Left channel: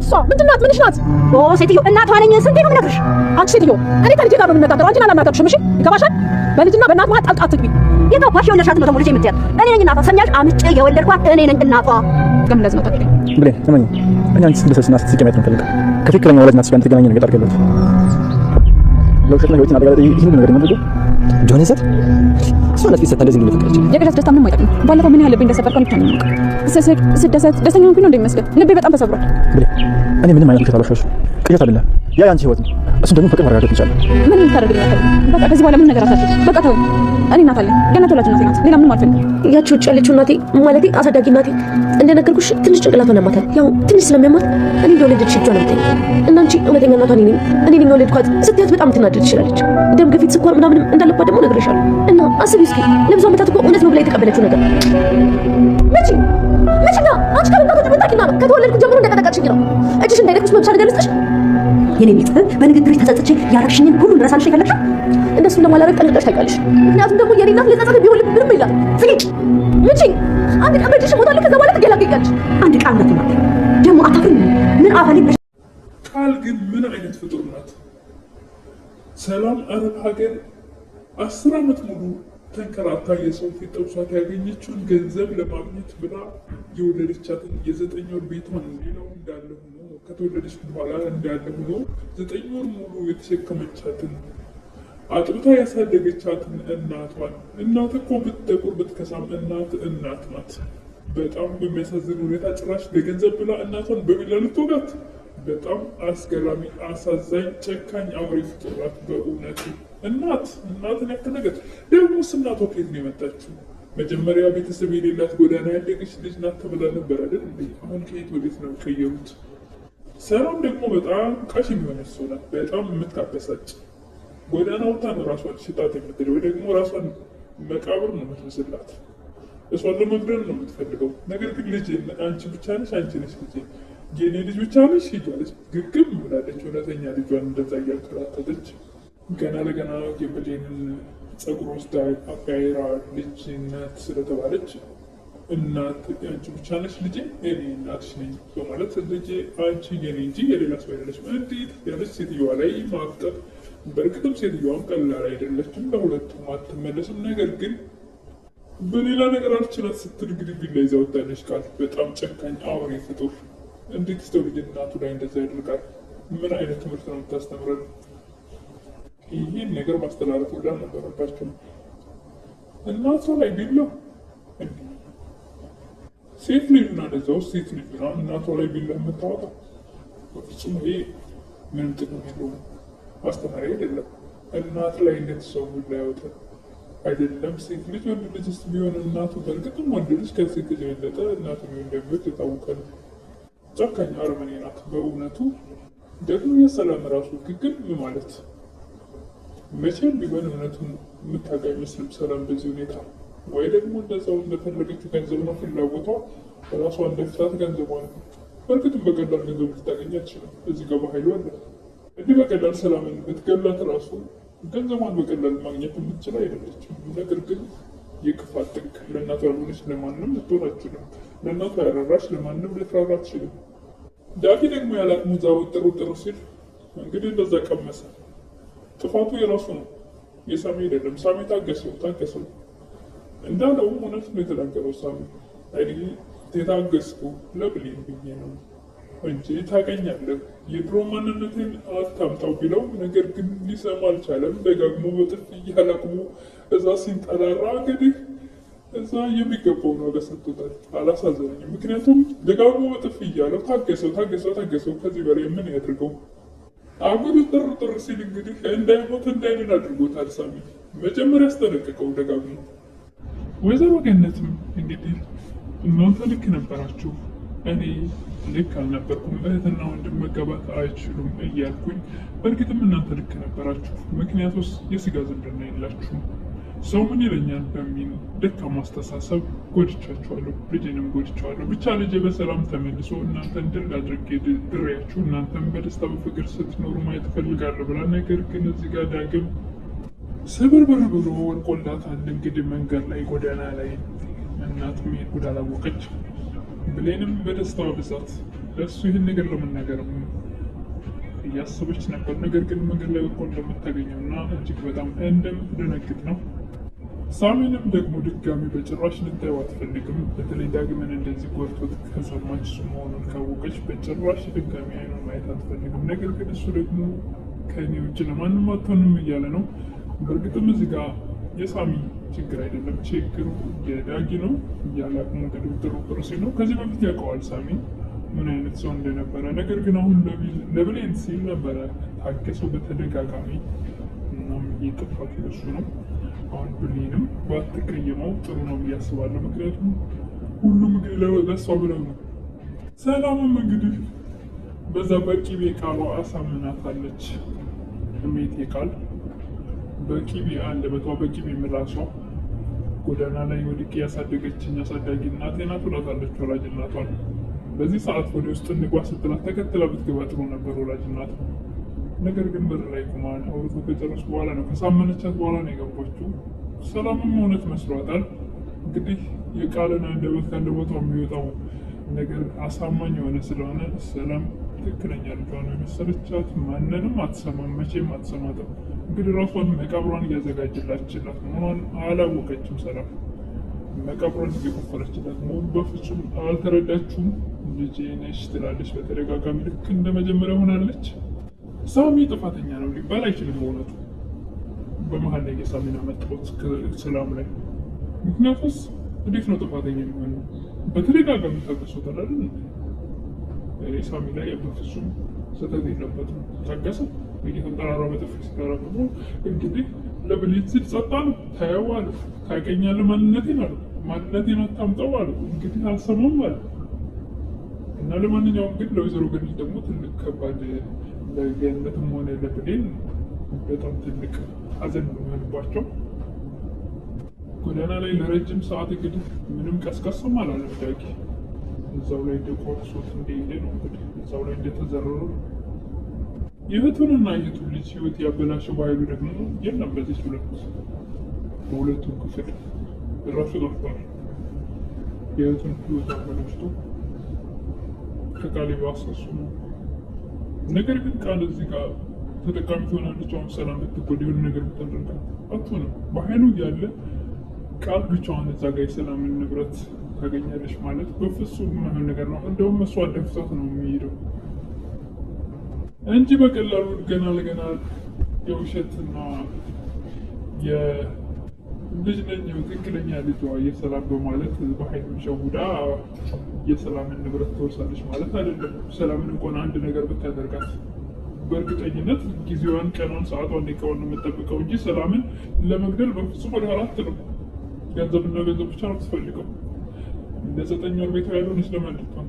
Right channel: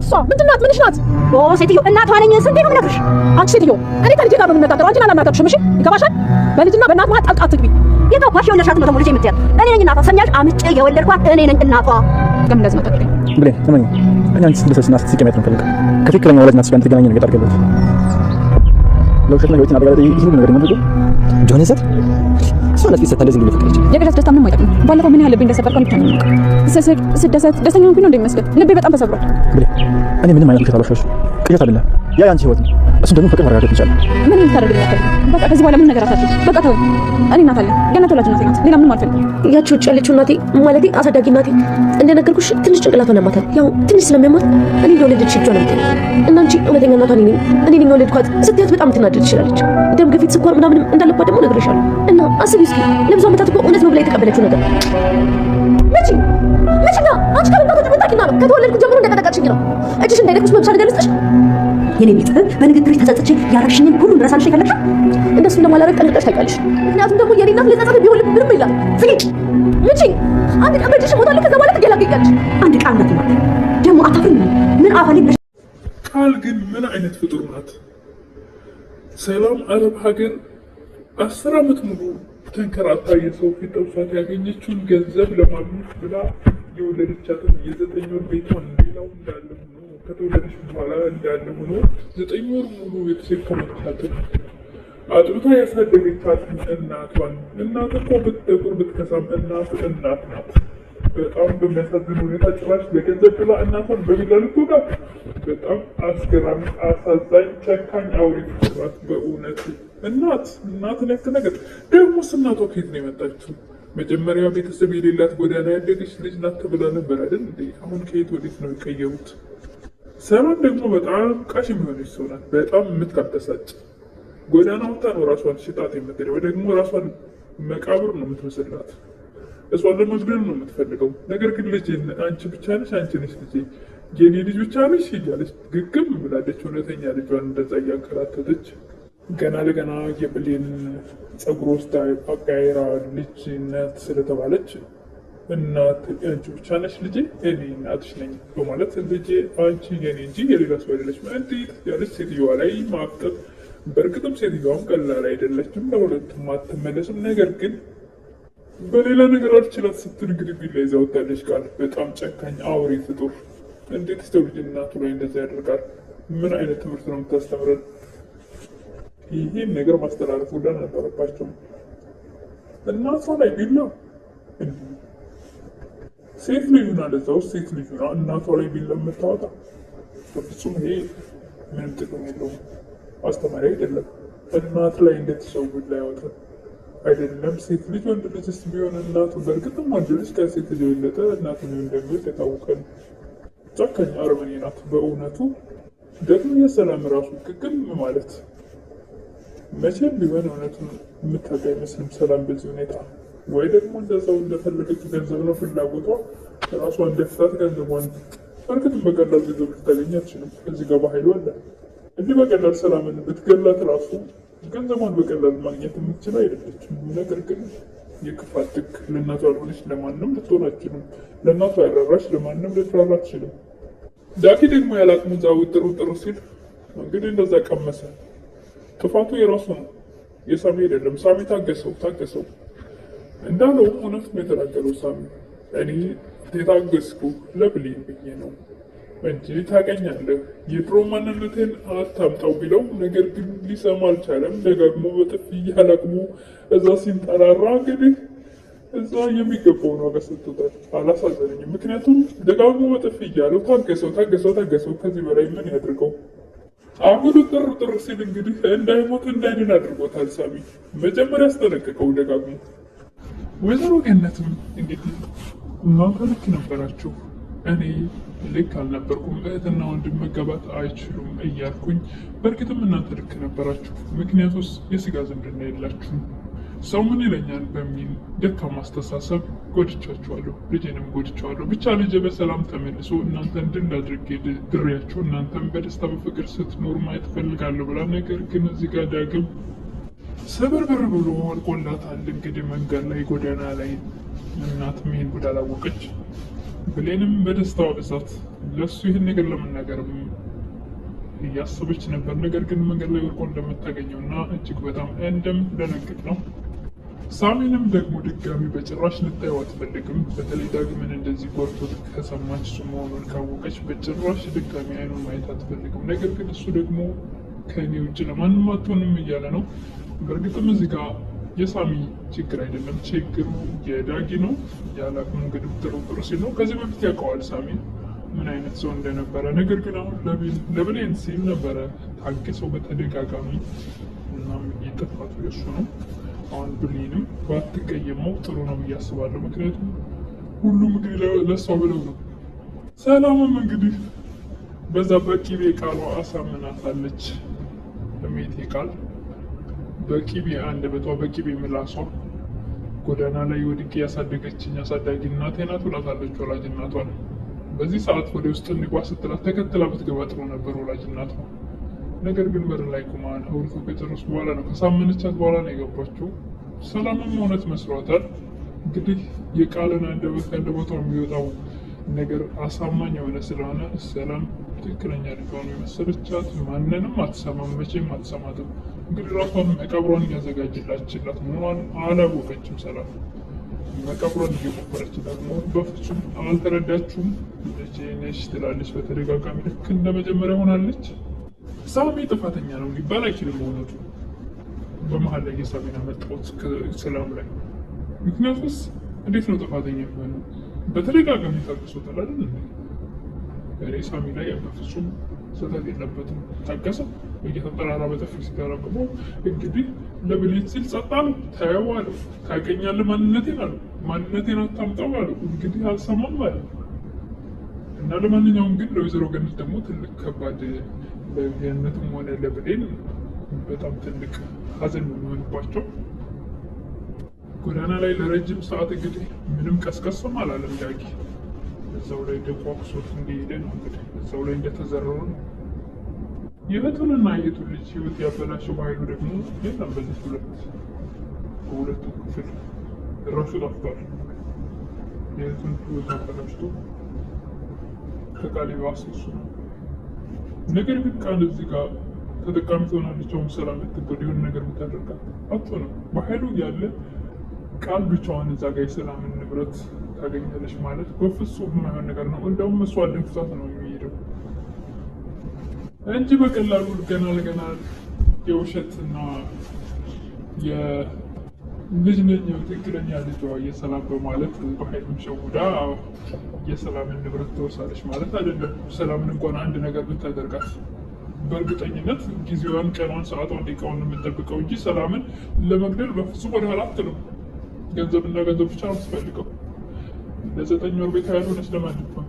ናት እሷ? ምንድን ናት? ምንሽ ናት? ሴትዮ እናቷ ነኝ። ስንቴ ነው የምነግርሽ? አንቺ ሴትዮ እኔ ከልጄ ጋር ነው የምነጋገረው። አንቺን አላናገርሽም። እሺ ይገባሻል? በልጅና በእናት መሀል ጣልቃ አትግቢ። የገባሽ የወለድሻት ነው ደግሞ ልጄ የምትያት እኔ ነኝ እናቷ። ሰሚያሽ? አምጬ የወለድኳት እኔ ነኝ እናቷ። ለምን ለዚህ መጣሽ? ብሌን ስማኝ፣ እኔ አንቺ ስትደሰትና ስትስቂ ማየት ነው የምፈልገው። ከትክክለኛ ወላጅ እናትሽ ጋር እንድትገናኝ ነው የጠራሁት ያለሁት። ለውሸትና ህይወትን አደጋ ላይ ይሄን ነገር የማድረገው ጆን ይዘት እሷ ናት ፊት እንደዚህ እንግዲህ ፍቅረች የገዛት ደስታ ምንም አይጠቅም። ባለፈው ምን ያህል ልቤ እንደሰበርከው ብቻ ነው የማውቀው። ስደሰት ደስተኛ ሆንኩኝ ነው እንደሚመስለው። ልቤ በጣም ተሰብሯል። ብሌን እኔ ምንም አይነት ውሸት አልዋሻሽም። ቅዠት አይደለም፣ ያ የአንቺ ህይወት ነው። እሱን ደግሞ ፍቅር ማረጋገጥ ይቻላል። ምን ልታደርግልኝ አትፈልግም? በቃ ከዚህ በኋላ ምን ነገር አታድርግ። በቃ ተወኝ። እኔ እናት አለኝ። ገነት ወላጅ እናቴ ናት። ሌላ ምንም አልፈልግም። ያቺ ውጭ ያለችው እናቴ ማለቴ አሳዳጊ እናቴ እንደነገርኩሽ ትንሽ ጭንቅላቷን ያማታል። ያው ትንሽ ስለሚያማት እኔ እንደወለደች እጇ ነው የምትለኝ እና አንቺ እውነተኛ እናቷ እኔ ነኝ የወለድኳት ስትያት በጣም ትናደድ ትችላለች። ደም ግፊት፣ ስኳር ምናምንም እንዳለባት ደግሞ ነግሬሻለሁ። እና አስቢ እስኪ ለብዙ ዓመታት እኮ እውነት ነው ብላ የተቀበለችው ነገር መቼና አንቺ ከመምጣቶች መጣቂና ነው ከተወለድኩ ጀምሮ እንደቀጠቀጥሽኝ ነው። እጅሽ እንዳይደክምሽ መብሻ ነገር ልስጥሽ። የኔ ቤት በንግግርሽ ተጸጽቼ ያረግሽኝን ሁሉ ልረሳልሽ የፈለግሽ እንደሱ እንደማላረግ ጠንቅቀሽ ታውቂያለሽ። ምክንያቱም ደግሞ የኔ እናት ለጸጸት ቢሆን ምንም ይላል ፍሊቅ ምጪ አንድ ቀን በእጅሽ ሞታለሁ። ከዛ በኋላ ትገላገያለሽ። አንድ ቃል ነው ደግሞ አታፍሪም? ምን አፋሌ ቃል ግን ምን አይነት ፍጡር ናት? ሰላም አረብ ሀገር 10 ዓመት ሙሉ ተንከራታ የሰው ፊት ጠብሷት ያገኘችውን ገንዘብ ለማግኘት ብላ የወለደቻትን የ9 ወር ቤቷን ሌላው እንዳለ ሆኖ ከተወለደች በኋላ እንዳለ ሆኖ 9 ወር ሙሉ የተሸከመቻትን አጥብታ ያሳደገቻትን እናቷን እናት እኮ ብትጠቁር ብትከሳም እናት ናት። በጣም በሚያሳዝን ሁኔታ ጭራሽ ለገንዘብ ብላ እናቷን በቢላ ልትወጋት። በጣም አስገራሚ፣ አሳዛኝ፣ ጨካኝ አውሬ ፍጡራት በእውነቱ። እናት ነክ ነገር ደግሞስ እናቷ ከየት ነው የመጣችው? መጀመሪያ ቤተሰብ የሌላት ጎዳና ያደገች ልጅ ናት ተብላ ነበር አይደል? አሁን ከየት ወዴት ነው የቀየሩት? ሰላም ደግሞ በጣም ቃሽ የሚሆነች ሰው ናት። በጣም የምትካበሳጭ ጎዳና ወጥታ ነው ራሷን ሽጣት የምትል ወይ ደግሞ ራሷን መቃብር ነው የምትመስላት። እሷን ለመግደል ነው የምትፈልገው። ነገር ግን ልጄ አንቺ ብቻ ነሽ፣ አንቺ ነሽ ልጄ፣ የኔ ልጅ ብቻ ነሽ እያለች ግግም ብላለች። እውነተኛ ልጇን እንደዛ እያንከራተተች ገና ለገና የብሌን ጸጉር ወስዳ አጋይራ ልጅነት ስለተባለች እናት አንቺ ብቻ ነሽ ልጄ፣ እኔ እናትሽ ነኝ በማለት ልጄ አንቺ የኔ እንጂ የሌላ ሰው አይደለችም እንዴት ያለች ሴትዮዋ ላይ ማፍጠጥ። በእርግጥም ሴትዮዋም ቀላል አይደለችም፣ ለሁለቱም አትመለስም። ነገር ግን በሌላ ነገር አልችላት ስትል እንግዲህ ቢላ ይዛ ወጣለች። ቃል በጣም ጨካኝ አውሬ ፍጡር። እንዴት ሰው ልጅ እናቱ ላይ እንደዛ ያደርጋል? ምን አይነት ትምህርት ነው የምታስተምረን? ይህን ነገር ማስተላለፍ ሁላ ነበረባቸው። እናቷ ላይ ቢላ እንዲህ ሴት ልጁና ለዛ ውስጥ ሴት ልጁና እናቷ ላይ ቢላ የምታወጣ በፍጹም ይሄ ምንም ጥቅም የለውም። አስተማሪ አይደለም። እናት ላይ እንዴት ሰው ቢላ ያወጣል? አይደለም ሴት ልጅ ወንድ ልጅ ስ ቢሆን እናቱ በእርግጥም ወንድ ልጅ ከሴት ልጅ የበለጠ እናቱ እንደሚወድ የታወቀ ነው። ጨካኝ አረመኔ ናት በእውነቱ። ደግሞ የሰላም ራሱ ግግም ማለት መቼም ቢሆን እውነቱን የምታውቅ አይመስልም። ሰላም በዚህ ሁኔታ ወይ ደግሞ እንደዛው እንደፈለገችው ገንዘብ ነው ፍላጎቷ። ራሷን ደፍታት ገንዘቧን በእርግጥም በቀላል ገንዘብ ልታገኝ አትችልም። እዚህ ገባ ኃይሉ አለ። እንዲህ በቀላል ሰላምን ብትገላት ራሱ ገንዘቧን በቀላል ማግኘት የምትችል አይደለችም። ነገር ግን የክፋት ጥግ ለእናቷ ያልሆነች ለማንም ልትሆን አትችልም። ለእናቷ ያራራች ለማንም ልትራራ አትችልም። ዳጊ ደግሞ ያላቅሙ እዛ ውጥር ሲል እንግዲህ እንደዛ ቀመሰ። ጥፋቱ የራሱ ነው፣ የሳሚ አይደለም። ሳሚ ታገሰው እንዳለው እውነት ነው የተናገረው ሳሚ። እኔ የታገስኩ ለብሌን ብዬ ነው እንጂ ታውቀኛለህ፣ የድሮ ማንነቴን አታምጣው ቢለው፣ ነገር ግን ሊሰማ አልቻለም። ደጋግሞ በጥፊ እያላቅሙ እዛ ሲንጠራራ እንግዲህ እዛ የሚገባውን ዋጋ ሰጥቶታል። አላሳዘነኝም፣ ምክንያቱም ደጋግሞ በጥፊ እያለው ታገሰው። ከዚህ በላይ ምን ያድርገው? አሁኑ ጥር ሲል እንግዲህ እንዳይሞት እንዳይድን አድርጎታል። ሳሚ መጀመሪያ አስጠነቀቀው ደጋግሞ። ወይዘሮ ገነትም እንግዲህ እናንተ ልክ ነበራችሁ፣ እኔ ልክ አልነበርኩም፣ እህትና ወንድም መጋባት አይችሉም እያልኩኝ፣ በእርግጥም እናንተ ልክ ነበራችሁ። ምክንያቱስ የስጋ ዝምድና የላችሁም። ሰው ምን ይለኛል በሚል ደካማ አስተሳሰብ ጎድቻችኋለሁ፣ ልጄንም ጎድቻለሁ። ብቻ ልጄ በሰላም ተመልሶ እናንተን ድል አድርጌ ድሬያችሁ እናንተን በደስታ በፍቅር ስትኖሩ ማየት እፈልጋለሁ ብላ፣ ነገር ግን እዚህ ጋር ዳግም ስብርብር ብሎ ወልቆላታል። እንግዲህ መንገድ ላይ ጎዳና ላይ እናትም ይሄን ጉድ አላወቀች። ብሌንም በደስታዋ ብዛት ለእሱ ይህን ነገር ለመናገር እያሰበች ነበር። ነገር ግን መንገድ ላይ ወርቆ እንደምታገኘው እና እጅግ በጣም እንደምትደነግጥ ነው። ሳሚንም ደግሞ ድጋሚ በጭራሽ ልታየው አትፈልግም። በተለይ ዳግምን እንደዚህ ጎርቶት ከሰማች እሱ መሆኑን ካወቀች በጭራሽ ድጋሚ አይኑን ማየት አትፈልግም። ነገር ግን እሱ ደግሞ ከእኔ ውጭ ለማንም አትሆንም እያለ ነው። በእርግጥም እዚህ ጋር የሳሚ ችግር አይደለም፣ ችግሩ የዳጊ ነው እያለ ሞገድ ብትሮጥር ሲል ነው። ከዚህ በፊት ያውቀዋል ሳሚ ምን አይነት ሰው እንደነበረ። ነገር ግን አሁን ለብሌን ሲል ነበረ ታገሰው በተደጋጋሚ። እናም የጥፋቱ የሱ ነው። አሁን ብሌንም ባትቀየመው ጥሩ ነው ብዬ አስባለሁ። ምክንያቱም ሁሉም እንግዲህ ለእሷ ብለው ነው። ሰላምም እንግዲህ በዛ በቂቤ ቃሏ አሳምናታለች። እሜቴ ቃል በቂቤ አንደበቷ በቂቤ ምላሷ ጎዳና ላይ ወድቄ ያሳደገችኝ አሳዳጊ እናቴ ናት ብላታለች ወላጅ እናቷን። በዚህ ሰዓት ወደ ውስጥ እንግባ ስትላት ተከትላ ብትገባ ጥሩ ነበር ወላጅ እናቷ። ነገር ግን በር ላይ ቁማ አውርተው ከጨረሱ በኋላ ነው ከሳመነቻት በኋላ ነው የገባችው። ሰላምም እውነት መስሏታል። እንግዲህ የቃልን አንደበት ከአንደበቷ የሚወጣው ነገር አሳማኝ የሆነ ስለሆነ ሰላም ትክክለኛ ልጇን የመሰለቻት ማንንም አትሰማም፣ መቼም አትሰማትም። እንግዲህ ራሷን መቃብሯን እያዘጋጀላችላት መሆኗን አላወቀችም። ሰላም መቃብሯን እየቆፈረችላት መሆኑን በፍጹም አልተረዳችውም። ልጄ ነሽ ትላለች በተደጋጋሚ። ልክ እንደ መጀመሪያ ሆናለች። ሳሚ ጥፋተኛ ነው ሊባል አይችልም። በእውነቱ በመሀል ላይ የሳሚን አመጣሁት ሰላም ላይ። ምክንያቱስ እንዴት ነው ጥፋተኛ የሚሆነው? በተደጋጋሚ ታገሱታል አይደል? እኔ ሳሚ ላይ በፍጹም ስህተት የለበትም። ታገሰው እየተጠራራ በጥፊ ሲደረግሞ እንግዲህ ለብሌን ሲል ጸጥ አሉ። ታየው አሉ። ታውቀኛለህ ማንነቴን አሉ። ማንነቴን አታምጣው አሉ። እንግዲህ አልሰማም አለ እና ለማንኛውም ግን ለወይዘሮ ገነት ደግሞ ትልቅ ከባድ ለገነትም ሆነ ለብሌን በጣም ትልቅ ሀዘን የሚሆንባቸው ጎዳና ላይ ለረጅም ሰዓት እንግዲህ ምንም ቀስቀስም አላለም ዳጊ። እዛው ላይ እንደቋቁሶት እንደሄደ ነው እንግዲህ እዛው ላይ እንደተዘረሩ ነው። የእህቱንና የእህቱን ልጅ ህይወት ያበላሸው በኃይሉ ደግሞ የለም። በዚህ በሁለቱ ክፍል ራሱ ጠፍቷል። የእህቱን ህይወት አበላሽቶ ከቃሌ አሰሱ ነው። ነገር ግን ቃል እዚህ ጋር ተጠቃሚ ትሆናለች። አሁን ሰላም ብትጎዳ የሆነ ነገር ብታደርጋት አትሆንም። በኃይሉ እያለ ቃል ብቻዋን እዛ ጋር የሰላምን ንብረት ታገኛለች ማለት በፍጹም የማይሆን ነገር ነው። እንደውም እሷ ደፍታት ነው የሚሄደው እንጂ በቀላሉ ገና ለገና የውሸትና የልጅ ነኝ ትክክለኛ ልጇ የሰላም በማለት በኃይሉም ሸውዳ የሰላምን ንብረት ትወርሳለች ማለት አይደለም። ሰላምን እንኳን አንድ ነገር ብታደርጋት በእርግጠኝነት ጊዜዋን፣ ቀኗን፣ ሰዓቷን፣ ደቂቃዋን የምጠብቀው እንጂ ሰላምን ለመግደል በፍጹም ወደኋላ አትልም። ገንዘብና ገንዘብ ብቻ ነው የምትፈልገው። እንደ 9 ወር ቤት ያልሆነች ለማለት ነው።